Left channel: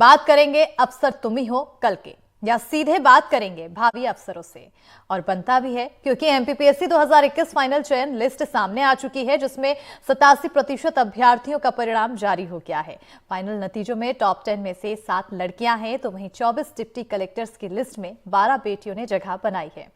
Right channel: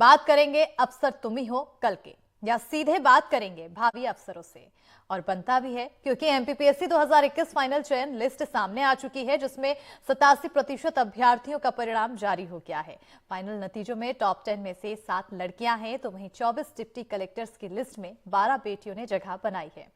बात करेंगे अफसर तुम ही हो कल के, या सीधे बात करेंगे भावी अफसरों से। और बनता भी है क्योंकि एमपीपीएससी 2021 फाइनल चयन लिस्ट सामने आ चुकी है, जिसमें 87% अभ्यर्थियों का परिणाम जारी हो गया है। फाइनल नतीजों में टॉप 10 में से 7 लड़कियां हैं, तो वहीं 24 डिप्टी कलेक्टर्स की लिस्ट में 12 बेटियों ने जगह बनाई है।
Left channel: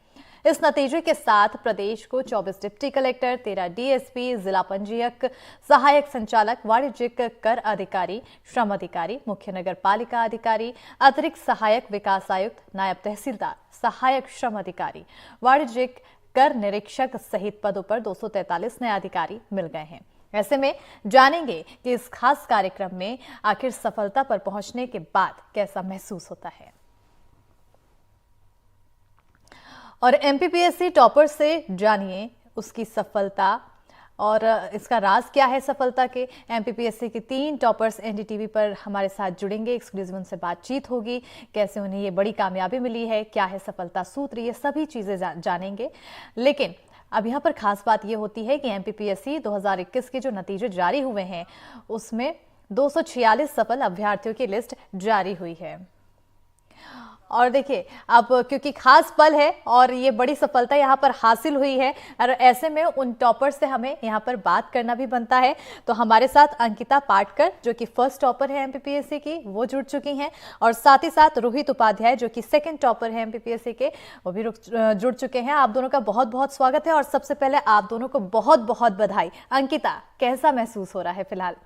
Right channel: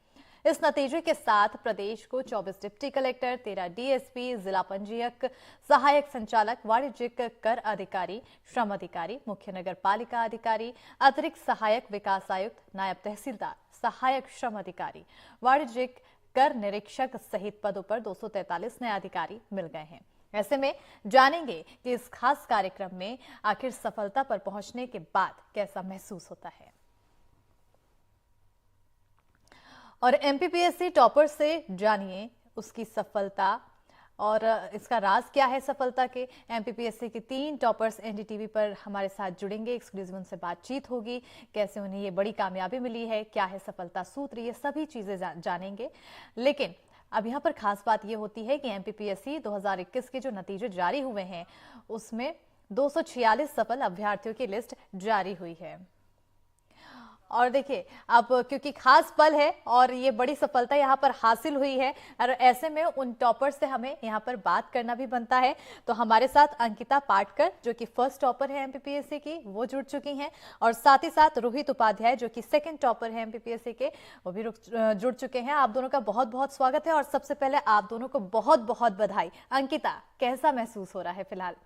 इस नतीजे के साथ प्रदेश को 24 डिप्टी कलेक्टर, 13 डीएसपी, जिला पंजीयक, सहायक संचालक, वाणिज्यिक कर अधिकारी, श्रम अधिकारी, मुख्य नगर पालिका अधिकारी, अतिरिक्त सहायक विकास आयुक्त, नायब तहसीलदार, सहायक श्रम अधिकारी, वाणिज्यिक कर निरीक्षक सहित पदों पर 243 नए अधिकारी मिल गए हैं। ऐसे में जानेंगे कि इस खास कार्यक्रम में आखिर सफलता पर पहुंचने के बाद कैसा महसूस होता है। और एमपीपीएससी टॉपर से जानिए उसकी सफलता और इसका राज क्या है सफलता के। एमपीपीएससी के 3 टॉपर्स एनडीटीवी पर हमारे साथ जुड़ेंगे, एक्सक्लूसिव उनसे बातचीत होगी, कैसे उन्हें ये बड़ी कामयाबी मिली है, क्या है सफलता सूत्र, ये सभी चीजें जानेंगे। लेकिन अब यहाँ पर खास बात ये होती है कि एमपीपीएससी 2021 के जो नतीजे जारी हुए हैं उसमें 246 सफल अभ्यर्थियों की लिस्ट जारी हुई है। और देखिए, अब क्योंकि खास पल है और ये बड़ी सफलता यहाँ पर हासिल हुई है, और ऐसे में उन टॉपर से हमें यहाँ पर बात करना भी बनता है। तो हमारे साथ अंकिता पाटकर, जो कि फर्स्ट टॉपर है एमपीपीएससी की, वो जुड़ चुकी हैं, और साथ ही साथ रोहित उपाध्याय, जो कि सेकंड टॉपर है एमपीपीएससी के, वो भी जुड़ चुके हैं। आप दोनों का बहुत बहुत स्वागत है, और सबसे पहले आप दोनों को बहुत बहुत बधाई। अंकिता, कैसा महसूस हो रहा है फिलहाल?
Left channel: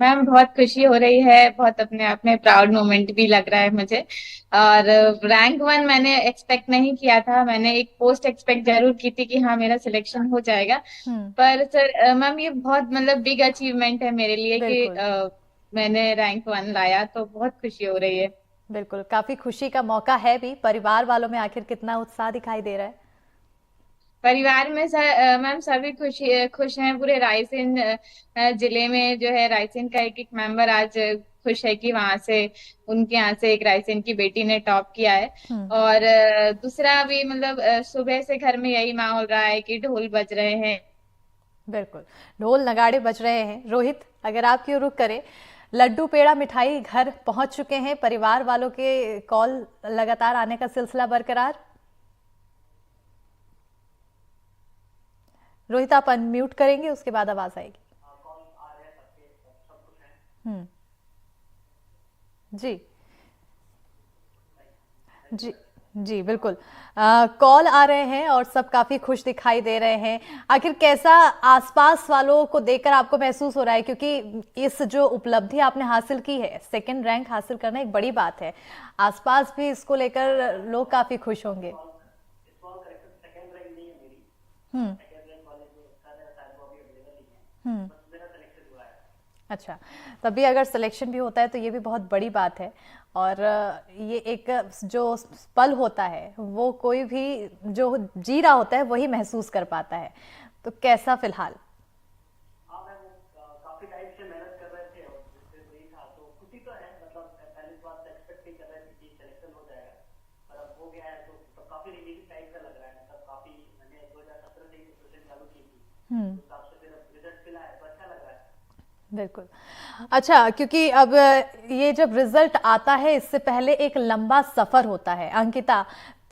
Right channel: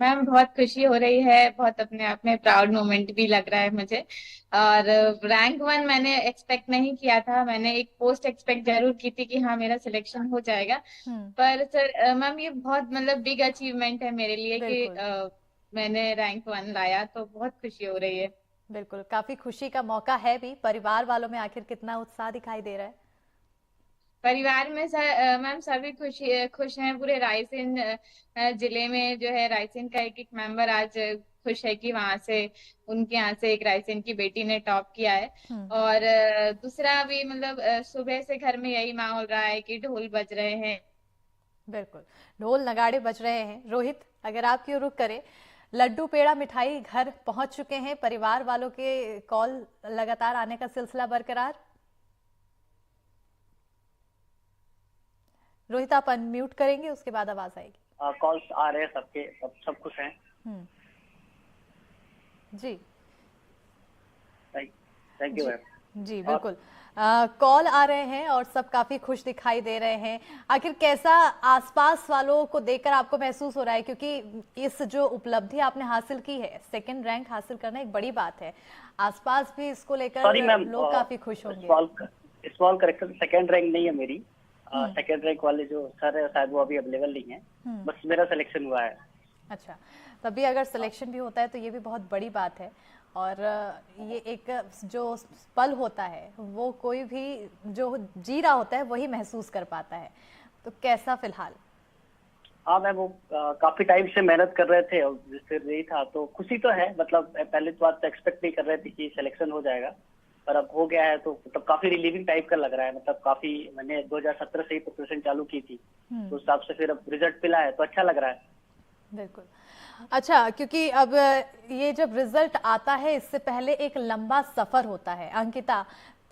मैम बहुत खुशी हो रही है, बहुत अपने आप में प्राउड मोमेंट भी लग रहा है मुझे। और रैंक 1 मैंने एक्सपेक्ट नहीं किया था। मैंने एक पोस्ट एक्सपेक्ट जरूर की थी कि हाँ मेरा सिलेक्शन हो जाएगा। हम्म। पर सर मैम ये बहुत मतलब बिग अचीवमेंट है मेरे लिए कि बिल्कुल मैंने रैंक 1 लाया, तो बहुत खुशी हो रही है। बिल्कुल, काफी खुशी का मौका है भी। परिवार वालों में आखिर कितना उत्साह दिखाई दे रहा है? परिवार में सर मैम सभी खुश हैं। पूरे रायसेन जिले में जो है, रायसेन का एक एक मेंबर आज खुश है कि वहां से उनके यहाँ से एक रायसेन की बेटी ने टॉप किया है। हम्म। और दूसरा भी मतलब सुबह से घर में यही माहौल रहा है कि ढोल बज रहे हैं। बिल्कुल, ढोल नगाड़े बज रहे हैं। रोहित, अगर आपकी ओर रुख करें, लड्डू पेड़ा मिठाई घर पहुंच चुके हैं, परिवार वालों के कॉल लगातार आने का सिलसिला बरकरार। रोहित, आप अनम्यूट करेंगे, उसके बाद आवाज आएगी। कॉल्स आ रहे हैं, सबके सब खुश हैं। हम्म। जी थैंक यू जी मैम। जी और बिल्कुल, कॉल आ रहे हैं और सब काफी खुश दिखाई दे रहे हैं। आखिर कैसा आसपास वालों को देखकर आपको महसूस हो रहा है, क्योंकि इस जो उपलब्धि आपने हासिल की है, सेकंड रैंक हासिल करना एक बड़ी बात है। आसपास भी इसको सॉरी लेकर मैम, लोग काफी खुश होंगे। स्मॉल करेक्शन, सेकंड रैंक नहीं है मेरी। हम्म। सेकंड रैंक वाले जो सर है शायद वो अभी अवेलेबल नहीं है। हम्म। बस मेरा सिलेक्शन हुआ है। अच्छा, तभी अगर सिलेक्शन भी होता है तो ये भी बहुत बड़ी बात है। और ये एक जो पल होता है वो कोई भी जो जी रहा होता है वही महसूस कर पाता है। तो कैसा फिलहाल? हाँ मैम, वो काफी टाइम से मेहनत कर रहे थे और जिससे नहीं था तो खुशी तो है। मतलब पहले तो बात एक्सपेक्ट नहीं कर रहे थे कि सिलेक्शन हो जाएगा, पर अब हो गया है तो मतलब काफी रिलीविंग टाइप का लग रहा है। मतलब काफी, मैंने 2017 से ही प्रिपरेशन चालू की थी, तो उस हिसाब से फिर अब रिजल्ट मिला है तो अच्छा लग रहा है। बिल्कुल। अच्छा, क्योंकि अब ये जब रिजल्ट आता है इससे पहले एक लंबा सफर होता है। अंकिता,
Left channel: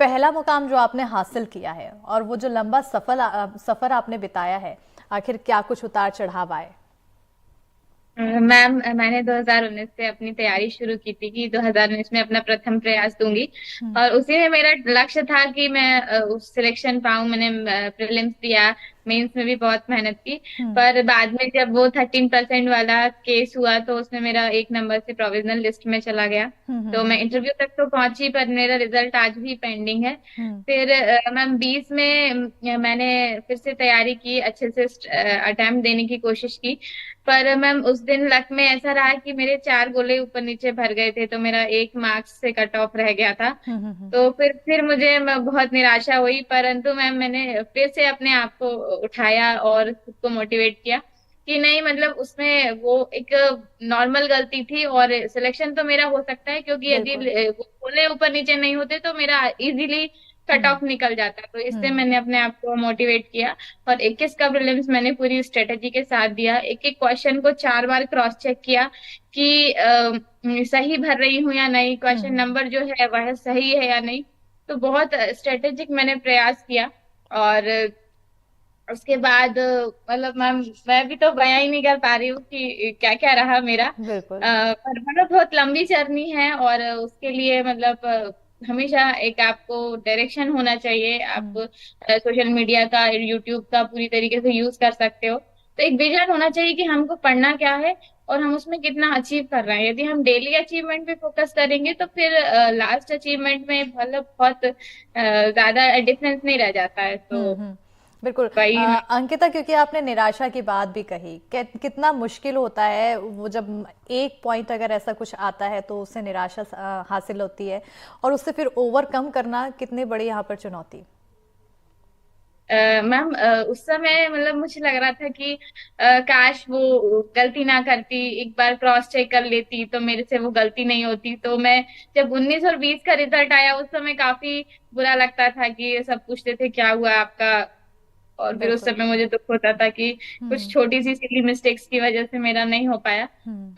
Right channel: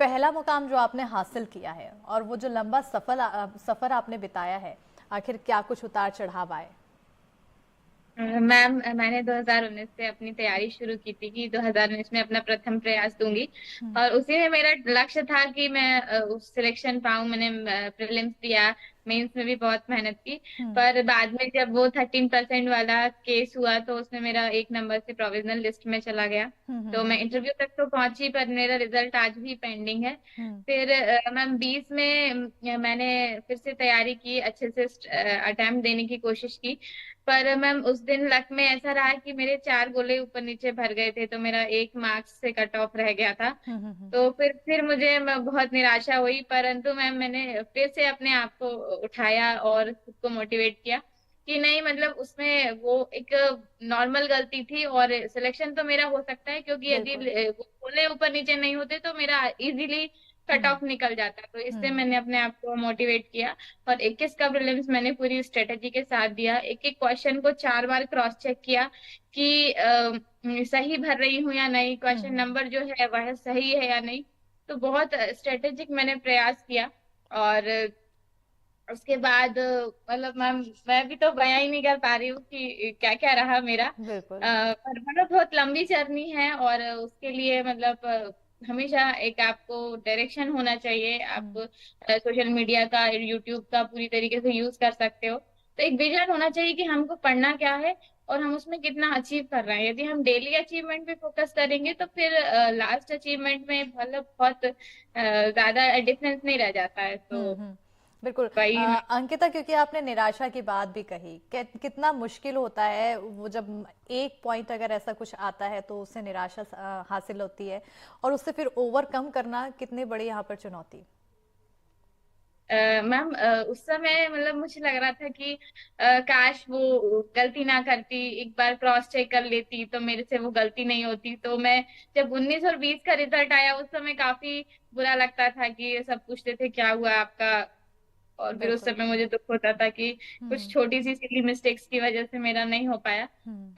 पहला मुकाम जो आपने हासिल किया है और वो जो लंबा सफर आपने बिताया है, आखिर क्या कुछ उतार चढ़ाव आए? मैम मैंने 2019 से अपनी तैयारी शुरू की थी कि 2019 में अपना प्रथम प्रयास दूंगी। हम्म। और उसी में मेरा लक्ष्य था कि मैं उस सिलेक्शन पाऊं। मैंने प्रीलिम्स दिया, मेंस में भी बहुत मेहनत की। हम्म। पर बाद में जब वो 13% वाला केस हुआ तो उसमें मेरा 1 नंबर से प्रोविजनल लिस्ट में चला गया। हम्म। तो मैं हम्म। इंटरव्यू तक तो पहुंची, पर मेरा रिजल्ट आज भी पेंडिंग है। हम्म। फिर मैम 20 में मैंने फिर से तैयारी की, अच्छे से अटेम्प्ट देने की कोशिश की। पर मैम उस दिन लक में ऐसा रहा कि मेरे 4 गोले ऊपर नीचे भर गए थे, तो मेरा 1 मार्क्स से कट ऑफ रह गया था। हम्म। तो फिर मुझे बहुत निराशा हुई, परंतु मैम मैंने फिर से अपने आप को उठाया और खुद को मोटिवेट किया कि नहीं, मतलब उसमें वो एक नॉर्मल गलती थी और सिलेक्शन तो मेरा हो सकता है, क्योंकि यदि बिल्कुल। वो गोले ऊपर नीचे नहीं होते तो मेरा इजीली कट ऑफ निकल जाता है। तो इससे मैंने अपने आप को मोटिवेट किया और 21 का प्रीलिम्स मैंने पूरी स्ट्रेटेजी के साथ दिया। एक एक क्वेश्चन को 4 बार क्रॉस चेक किया कि सही भर रही हूँ या नहीं, क्वेश्चन नंबर जो है वह सही है या नहीं। तो बहुत स्ट्रेटेजिक मैंने प्रयास किया। और उसके बाद मतलब मैं भी तो बयां ही नहीं कर पा रही हूँ कि क्या क्या रहा मेरा। बिल्कुल। पर मतलब बहुत लंबी जर्नी है और उसके लिए मतलब हमेशा एक आपको डायरेक्शन होना चाहिए। आप सोशल मीडिया का, यूट्यूब का पूरी तरीके से यूज कर सकते हो। तो एक विजन होना चाहिए कि हमको पढ़ना क्या है और हम उसमें कितना अचीव कर रहे हैं। यदि हम डेली अचीवमेंट पे फोकस करेंगे तो फिर लास्ट अचीवमेंट में मतलब बहुत ज्यादा डिफरेंस नहीं रह जाता है। तो बिल्कुल। वही अंकिता, क्योंकि आपने निराशा की बात भी कही, कितना मुश्किल होता है वो जब एक पॉइंट अगर ऐसा कुछ आता है तो उससे निराशा हासिल होती है, और उससे फिर ओवरकम करना कितनी बड़ी यहाँ पर चुनौती। मैम उस समय मतलब मुझे लग रहा था कि काश वो गलती ना करती, एक बार क्रॉस चेक कर लेती तो मेरे से वो गलती नहीं होती। तो मैं जब 19 और 20 का रिजल्ट आया उस समय काफी बुरा लगता था कि सब पूछते थे क्या हुआ आपका। और फिर उस बिल्कुल। समय मुझे दुख होता था कि कुछ छोटी सी सिली मिस्टेक्स की वजह से मेरा नहीं हो पाया।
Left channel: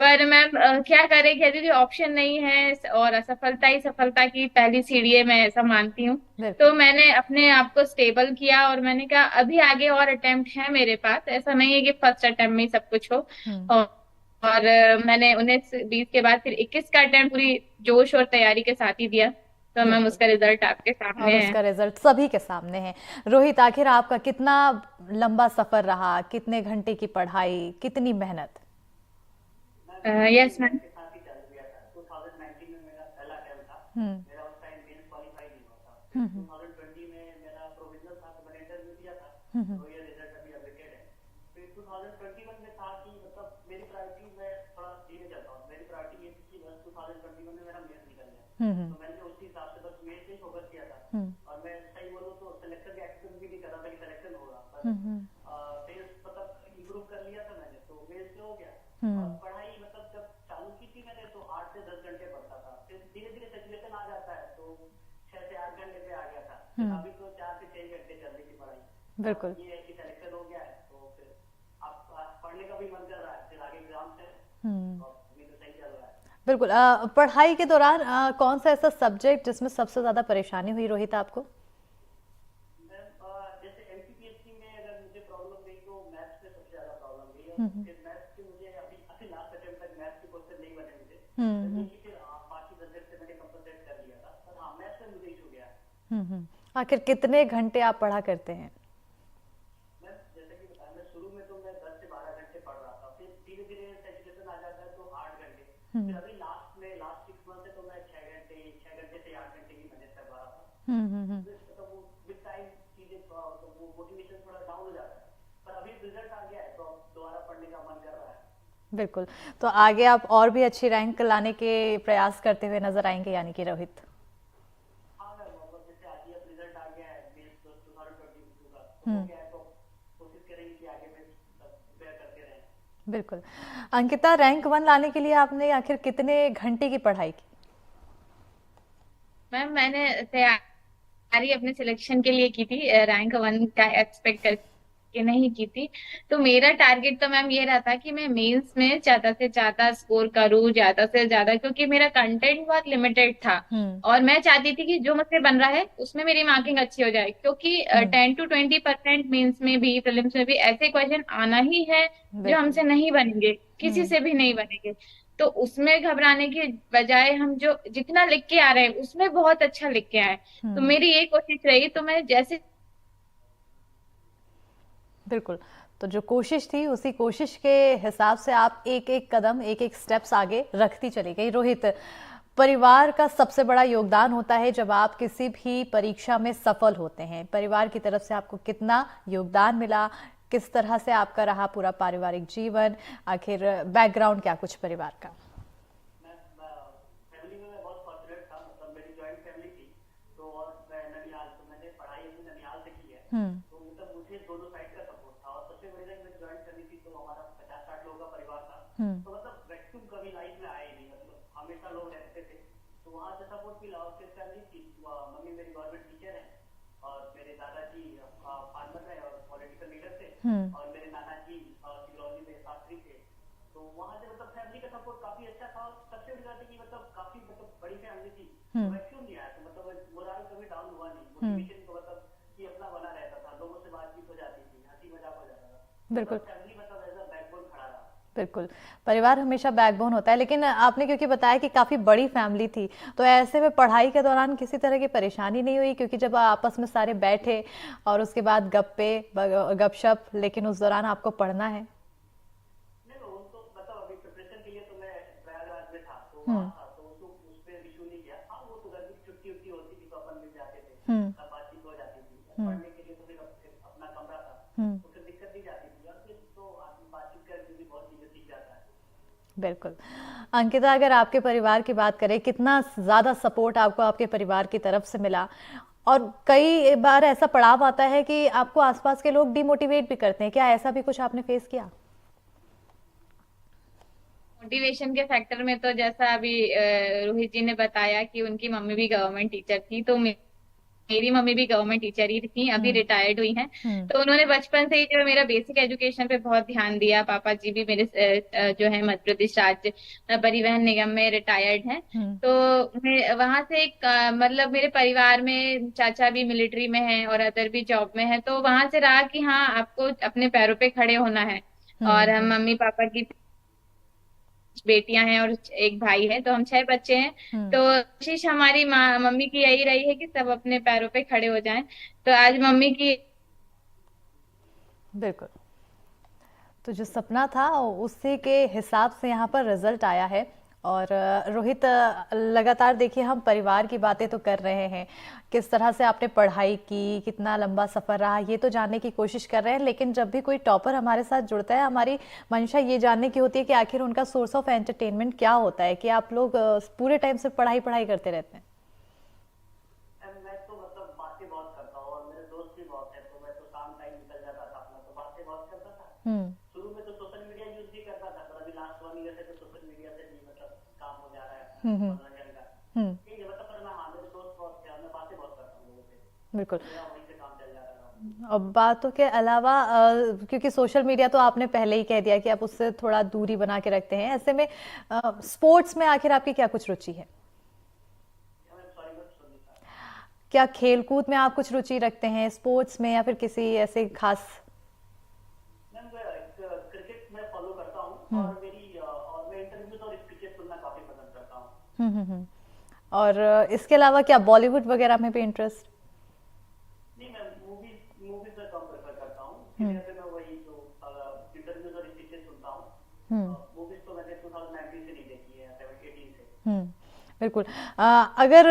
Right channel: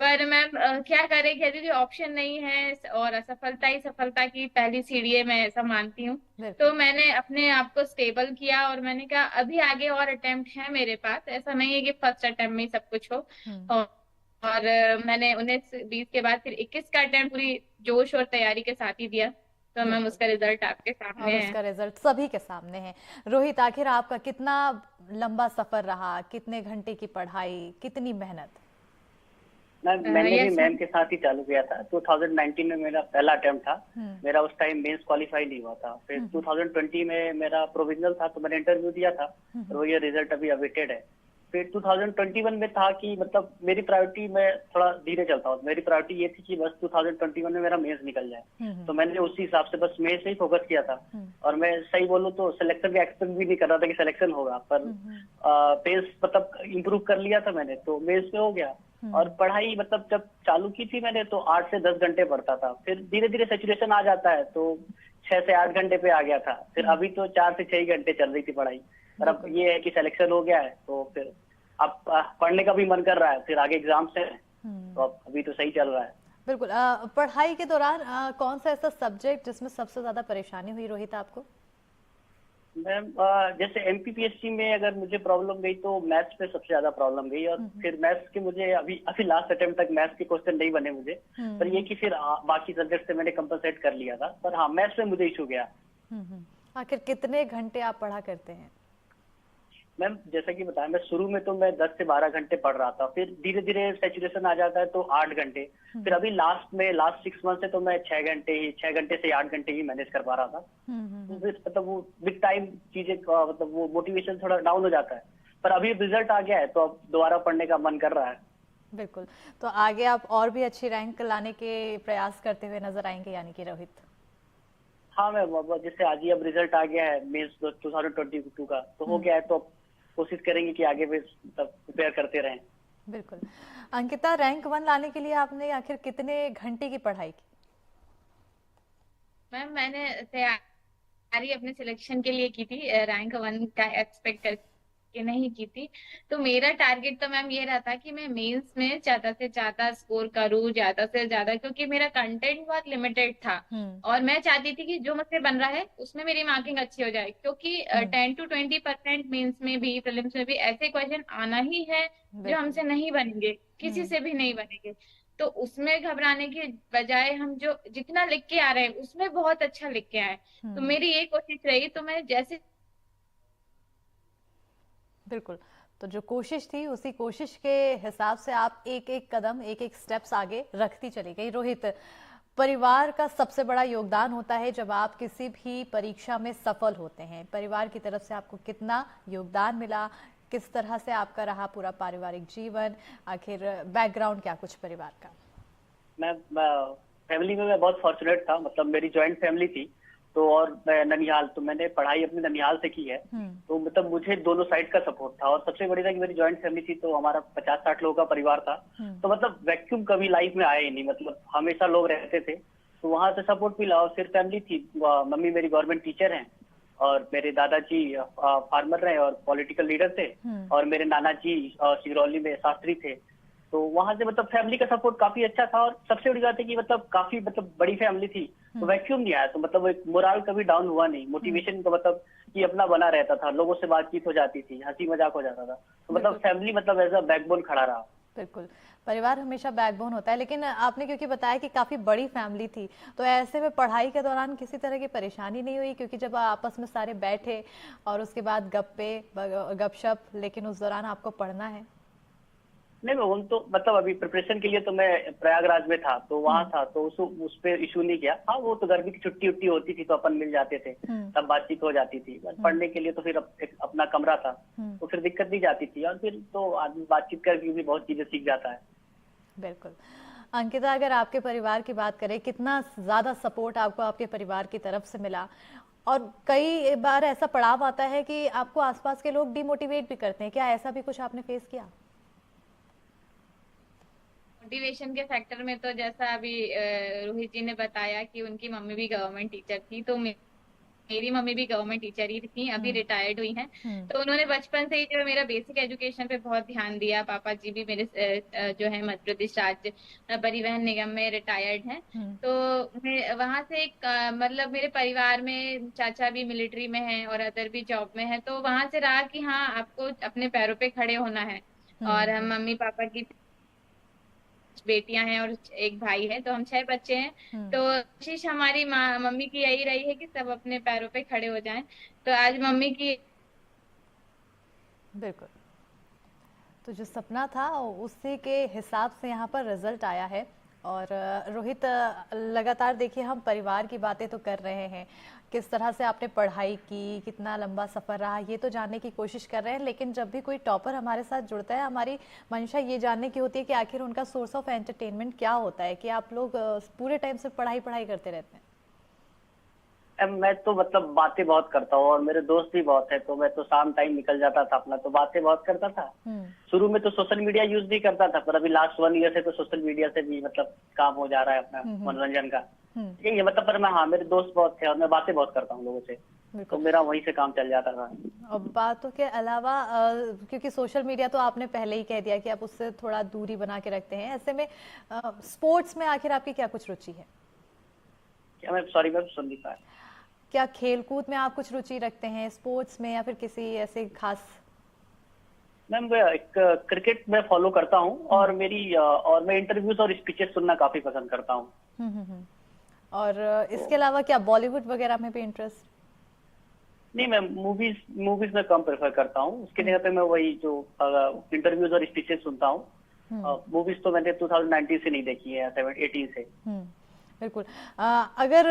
पर मैम क्या करें, कहती थी ऑप्शन नहीं है और असफलता ही सफलता की पहली सीढ़ी है, मैं ऐसा मानती हूँ। बिल्कुल। तो मैंने अपने आप को स्टेबल किया और मैंने कहा अभी आगे और अटेम्प्ट है मेरे पास, ऐसा नहीं है कि फर्स्ट अटेम्प्ट में ही सब कुछ हो। और मैंने 19-20 के बाद फिर 21 का अटेम्प्ट पूरी जोश और तैयारी के साथ ही दिया। तो मैम बिल्कुल। उसका रिजल्ट आपके और सामने है। उसका रिजल्ट सभी के सामने है। रोहित, आखिर आपका कितना लंबा सफर रहा, कितने घंटे की पढ़ाई, कितनी मेहनत। मैंने भी यस मैम मैम। के साथ ही चालू किया था। 2019 में मेरा पहला अटेम्प्ट था। मेरा उस टाइम मेंस क्वालिफाई नहीं हुआ था। फिर 2020 में मेरा प्रोविजनल था तो मैंने इंटरव्यू दिया था, तो ये रिजल्ट अभी अवेटेड है। फिर 2021 में था कि मतलब मेरी प्रायोरिटी, मैं थोड़ा धीरे चलता हूँ, मेरी प्रायोरिटी ये थी कि बस 2021 में मेरा मेंस निकल जाए। तो मैंने उसी हिसाब से बस मेंस से ही फोकस किया था। और मैं सही बोलूँ तो सिलेक्शन का एक्सपेक्ट भी नहीं कर रहा था कि सिलेक्शन होगा, पर पेस मतलब इम्प्रूव कर लिया था मैंने, तो मेंस में हो गया। और पढ़ाई मतलब जब चालू की थी मैंने तो 8 से 10 घंटे पढ़ता था। फिर धीरे धीरे सैचुरेशन आ जाता है तो 6 से 8 घंटे पे आ गया था। फिर अभी तो 4 से 6 घंटे चल रही थी पढ़ाई। पर अब ये है कि सिलेक्शन हो गया है तो फिर अब पढ़ने का भी मन कर रहा है, फिर आगे एग्जाम से तो अब अभी तो सही चल रहा है। बिल्कुल। पढ़ाई के दौरान कौन सा ऐसा सब्जेक्ट जिसमें सबसे ज्यादा परेशानी हुई रोहित आपको। मैम जैसे एमपीपीएससी में अगर मुझे प्रॉब्लम गई तो मैथ्स पे सबसे ज्यादा प्रॉब्लम गई। और फिर मैथ्स के मुझे अभी लास्ट अटेम्प्ट तक मैथ्स के क्वेश्चन नहीं बने मुझे। पर ये कि फिर बाकी सब्जेक्ट से मैंने कंपनसेट कर लिया था। पर हाँ, मैथ्स में मुझे इशू गया। आखिर कितने घंटे आप पढ़ा करते हैं। मैम जैसा कि बताया, मैं शुरू में तो मैं 10 से 12 घंटे पढ़ रहा था, फिर धीरे धीरे सैचुरेशन आ जाता है तो 8 घंटे। फिर अभी लास्ट 6 मंथ से तो मैं 6 घंटे से 8 घंटे ही मैनेज कर पा रहा था। मतलब वो विद टाइम चीजें मतलब वो मोटिवेशन थोड़ा डाउन हो जाता है। पर अभी रिजल्ट आ गया है तो अब दोबारा पढ़ने का मन कर रहा है। बिल्कुल। तो आगे आप और भी अच्छी रैंक लाने के प्रयास करते हुए नजर आएंगे यानी कि रोहित। हाँ मैम, जैसे आज ही अब रिजल्ट आ गया है मेंस 2022 का, तो हो गया है तो कोशिश करेंगे कि आगे भी प्रिपेयर करते रहें। बिल्कुल। अंकिता, रैंक 1 लाने के लिए आपने आखिर कितने घंटे की पढ़ाई की। मैम मैंने तैयारी अपने सिलेक्शन के लिए की थी, रैंक 1 का एक्सपेक्ट करके नहीं की थी। तो मेरा टारगेट तो मैम ये रहा था कि मैं मेंस में ज्यादा से ज्यादा स्कोर करूँ, ज्यादा से ज्यादा, क्योंकि मेरा कंटेंट बहुत लिमिटेड था। और मैं चाहती थी कि जो मुझसे बन रहा है उसमें मेरी मार्किंग अच्छी हो जाए, क्योंकि 10 to 20% मेंस में भी, प्रीलिम्स में भी ऐसे क्वेश्चन आना ही है जो हमसे नहीं बनेंगे, किसी से भी नहीं बनेंगे। तो उसमें घबराने की बजाय हम जो जितना लिख के आ रहे हैं उसमें बहुत अच्छा लिख के आए। तो मेरी ये कोशिश रही। तो मैं जैसे बिल्कुल, तो जो कोशिश थी उसी कोशिश के हिसाब से आप एक एक कदम, एक एक स्टेप्स आगे रखती चली गई। रोहित, परिवार का सबसे बड़ा योगदान होता है जब आप किसी भी परीक्षा में सफल होते हैं। परिवार की तरफ से आपको कितना योगदान मिला, किस तरह से आपका रहा पूरा पारिवारिक जीवन, आखिर बैकग्राउंड क्या कुछ परिवार का। मैं फैमिली में मैं बहुत फॉर्चुनेट था, मतलब मेरी जॉइंट फैमिली थी। तो और मैं ननिहाल, तो मैंने पढ़ाई अपनी ननिहाल से की है। तो मतलब मुझे दोनों साइड का सपोर्ट था। और सबसे बड़ी था कि मेरी जॉइंट फैमिली थी तो हमारा 50-60 लोगों का परिवार था। तो मतलब वैक्यूम कभी लाइफ में आया ही नहीं, मतलब हमेशा लोग रहते थे। तो वहां से सपोर्ट मिला। और फिर फैमिली थी, मम्मी मेरी गवर्नमेंट टीचर हैं, और मेरे दादाजी फार्मर रहे और पॉलिटिकल लीडर थे, और मेरे नाना जी सिंगरौली में शास्त्री थे। तो वहां से मतलब फैमिली का सपोर्ट काफी अच्छा था, और सबसे बड़ी बात है कि मतलब काफी मतलब बड़ी फैमिली थी, तो वैक्यूम नहीं आया, तो मतलब एक मोरल कभी डाउन हुआ नहीं, मोटिवेशन का मतलब कि अपना बना रहता था, लोगों से बातचीत हो जाती थी, हंसी मजाक हो जाता था, तो मतलब फैमिली मतलब एज अ बैकबोन खड़ा रहा। बिल्कुल, परिवार हमेशा बैकबोन होता है। लेकिन आपने क्योंकि बताया कि काफ़ी बड़ी फैमिली थी, तो ऐसे में पढ़ाई के दौरान किसी तरह की परेशानी नहीं हुई? क्योंकि जब आपस में सारे बैठे और उसके बाद गप्पे गपशप, लेकिन उस दौरान आपको पढ़ना है। नहीं, मैं उन तो मतलब अभी प्रिपरेशन के लिए तो मैं प्रयागराज में था, तो वहां था, तो उस पे इशू नहीं किया। हाँ, वो तो गर्मी की छुट्टी उट्टी होती थी तो अपन मिल जाते थे, तब बातचीत हो जाती थी। बस पढ़ने के लिए तो फिर एक अपना कमरा था, तो फिर दिक्कत नहीं जाती थी, और फिर तो आदमी बातचीत करके भी बहुत चीजें सीख जाता है। बिल्कुल। अंकिता, अगर आपके परिवार की बात करें, कितना ज़्यादा सपोर्ट आपको आपके परिवार की तरफ से मिला? और कई बार ऐसा पड़ाव आता है कि आपको आसपास के लोग डिमोटिवेट भी करते हैं, क्या ऐसा भी कुछ आपने फेस किया? मोटिवेशन के फैक्टर में तो जैसा अभी रोहित जी ने बताया कि उनकी मम्मी भी गवर्नमेंट टीचर थी, तो मेरी मम्मी भी गवर्नमेंट टीचर ही थी, अभी रिटायर्ड हुई हैं। तो उन्होंने बचपन से ही जो मेरा बेसिक एजुकेशन पे बहुत ध्यान दिया। पापा जी भी मेरे जो है मध्य प्रदेश राज्य परिवहन निगम में रिटायर्ड हैं। तो मैं वहां से एक मतलब मेरे परिवार में चाचा भी मिलिट्री में है और अदर भी जॉब में है, तो वहां से रहा कि हाँ, आपको अपने पैरों पे खड़े होना है। और हम मम्मी पापा की बेटियां हैं और एक भाई है, तो हम 6 बच्चे हैं। तो कोशिश हमारी मम्मी की यही रही है कि सब अपने पैरों पे खड़े हो जाएं। तो आज मम्मी की बिल्कुल। तो जो सपना था उसी के हिसाब से यहाँ पर रिजल्ट आया है। और रोहित, लगातार देखिए हम परिवार की बातें तो कर रहे हैं, किस तरह से आपने पढ़ाई की, कितना लंबा सफ़र रहा, ये तो जानने की कोशिश कर रहे हैं। लेकिन जब भी कोई टॉपर हमारे साथ जुड़ता है, हमारी मंशा ये जानने की होती है कि आखिर उनका सोर्स ऑफ एंटरटेनमेंट क्या होता है, कि आप लोग पूरे टाइम से पढ़ाई पढ़ाई करते रहते हैं? मैं तो मतलब बातें बहुत करता हूँ, और मेरे दोस्त भी बहुत है, तो मैं तो शाम टाइम निकल जाता था अपना, तो बातें बहुत करता था। शुरू में तो सोशल मीडिया यूज नहीं करता था, पर अभी लास्ट 1 ईयर से तो सोशल मीडिया से भी मतलब काम हो जा रहा है अपना मनोरंजन का। यही है मतलब, पर मैं, हाँ, मेरे दोस्त बहुत थे और मैं बातें बहुत करता हूँ लोगों से, तो मेरा वहीं से काम चल जाता था। और बातों के अलावा क्योंकि सोशल मीडिया तो आपने पहले ही कह दिया कि आप उससे थोड़ा दूरी बना के रखते हैं, ऐसे में स्पोर्ट्स में आखिर आपकी क्या कुछ रुचि है? क्या, मैं सॉरी, मैं सुन नहीं पाया। क्या खेलकूद में आप कुछ रुचि रखते हैं, स्पोर्ट्स में, या फिर किसी ऐसे खास? मैम, एक क्रिकेट में फॉलो करता हूँ, और मैं इंटरव्यूज और स्पीचेस सुनना काफी पसंद करता हूँ। और इसके अलावा क्या बॉलीवुड वगैरह में भी इंटरेस्ट? नहीं, मैं मूवीज में कम प्रेफर करता हूँ, उसके जगह पे मैं वही जो इंटरव्यूज और स्पीचेस सुनता हूँ। मूवीज तो मैंने 2019 से नहीं देखी है, 18 से। बिल्कुल। अगर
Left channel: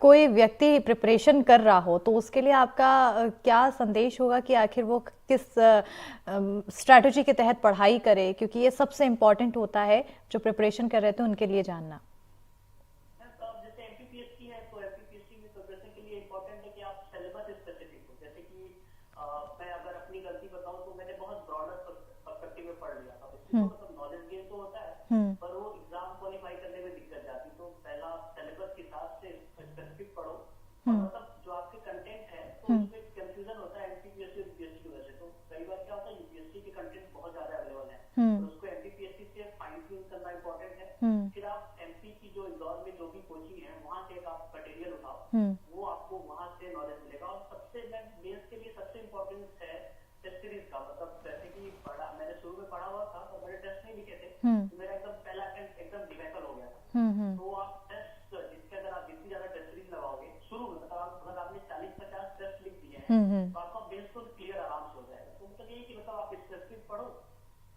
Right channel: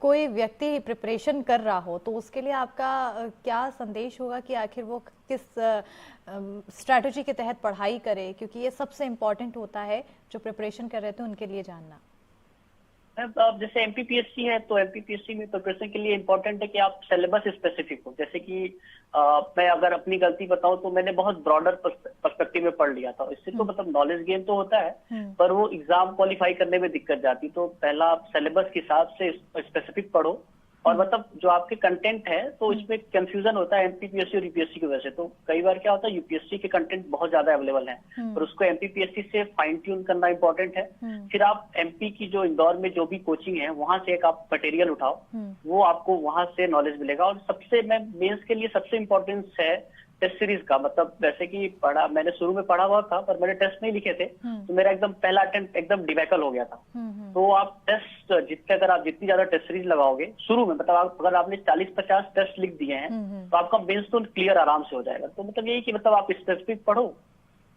कोई व्यक्ति प्रिपरेशन कर रहा हो, तो उसके लिए आपका क्या संदेश होगा कि आखिर वो किस स्ट्रैटेजी के तहत पढ़ाई करे, क्योंकि ये सबसे इम्पोर्टेंट होता है जो प्रिपरेशन कर रहे थे उनके लिए जानना। अब जैसे एमपीपीएससी है, तो एमपीपीएससी में प्रिपरेशन के लिए इम्पोर्टेंट है कि आप सिलेबस स्पेसिफिक हो। जैसे कि मैं अगर अपनी गलती बताऊं, तो मैंने बहुत ब्रॉडर पर्सपेक्टिव में पढ़ लिया था। इससे तो मतलब नॉलेज गेन तो होता है, पर वो एग्जाम क्वालिफाई करने में दिक्कत जाती। तो पहला आप सिलेबस के हिसाब से स्पेसिफिक पढ़ो, और मतलब जो आपके कंटेंट है, तो इसमें कंफ्यूजन होता है एमपीपीएससी और यूपीएससी की वजह से। तो कई बार क्या होता है, यूपीएससी के कंटेंट बहुत ज्यादा अवेलेबल है, और उसको एमपीपीएससी से फाइन ट्यून करना इंपॉर्टेंट है। फिर आप एमपी की जो इंदौर में जो भी कोचिंग है, वहां से एक आप मटेरियल उठाओ, वो आपको वहां से नॉलेज मिलेगा। और सबसे मेंस के लिए सबसे इम्पोर्टेंस है टेस्ट सीरीज का। मतलब वैसे कि मैंने शुरू में पढ़ा हुआ था, पर मैंने टेस्ट नहीं लिखे थे, तो मेरा एकदम पहला अटेम्प्ट एकदम डिबैकल हो गया था। तो आप टेस्ट अगर आप जितनी ज्यादा टेस्ट सीरीज लगाओगे शुरू में, मतलब अगर आपने 40-50 टेस्ट लिख दिए हैं, तो आपका मेंस तो क्लियर आराम से हो जाएगा। तो मतलब यही कि मतलब आप स्पेसिफिक पढ़ो,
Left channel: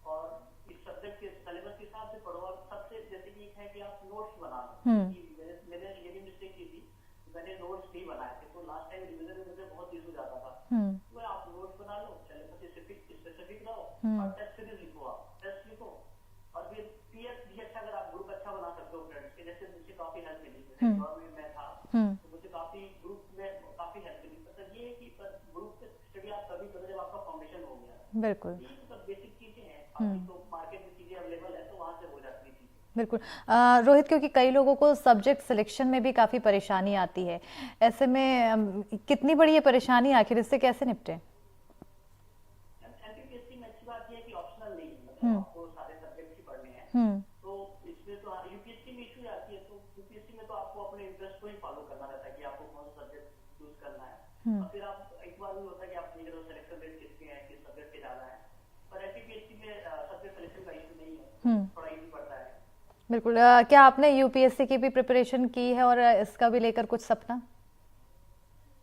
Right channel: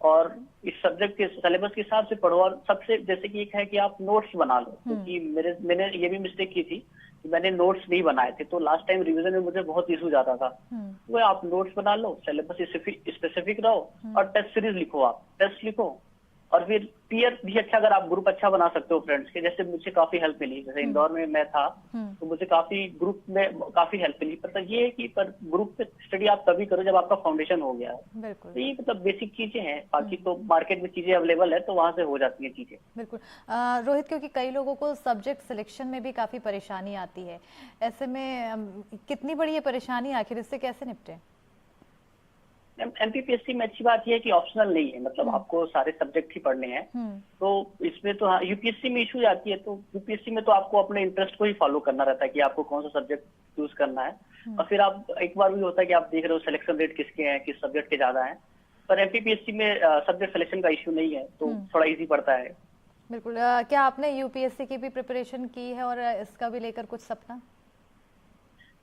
और इस सब्जेक्ट के सिलेबस के हिसाब से पढ़ो। और सबसे जैसे कि एक है कि आप नोट्स बना लो, क्योंकि मैंने ये भी मिस्टेक की थी, मैंने नोट्स नहीं बनाए थे, तो लास्ट टाइम रिवीजन में मुझे बहुत इशू जाता था। तो आप नोट्स बना लो, सिलेबस स्पेसिफिक रहो, और टेस्ट सीरीज लिखो, आप टेस्ट लिखो, और फिर पीयर भी अच्छा, अगर आप ग्रुप अच्छा बना सकते हो फ्रेंड्स के, जैसे मुझे काफी हेल्प मिली, जैसे इंदौर में मैं था तो मुझे काफी ग्रुप में काफी हेल्प मिली। पर ये है कि पर ग्रुप में स्टडी आप तभी करो जब आपका फाउंडेशन हो गया है। बिल्कुल तो ये मतलब बेसिक चीजें हैं, बाकी तो मार्केट में चीजें अवेलेबल है तो वहां से हो जाती हैं चीजें। बिल्कुल। रोहित, क्योंकि कई लोगों को सब्जेक्ट सिलेक्शन में भी काफ़ी परेशानी आती है, ऐसे में कितनी बड़ी ये परेशानी, आखिर इससे कैसे निपटें? एमपीपीएससी में अच्छी बात यह है कि ऑप्शनल नहीं है, मतलब आपको सारे सब्जेक्ट ही पढ़ने हैं। तो इसमें तो हाँ, यूपीएससी में इशू आती है, तो यूपीएससी में तो आपको अपने इंटरेस्ट को ही फॉलो करना रहता है कि आपको कौन सा सब्जेक्ट चूज करना है। और फिर आप एक बार भी होता है कि आप देख रहे हो सिलेक्शन रेट किसके हैं, किस सब्जेक्ट के ज्यादा हैं। पर एमपीपीएससी में सब्जेक्ट सिलेक्शन का इशू नहीं है, तो थोड़ा इजी पड़ता है। बिल्कुल। क्या आपने यूपीएससी की भी प्रिपरेशन की है और इसका भी लेकर कुछ सपना?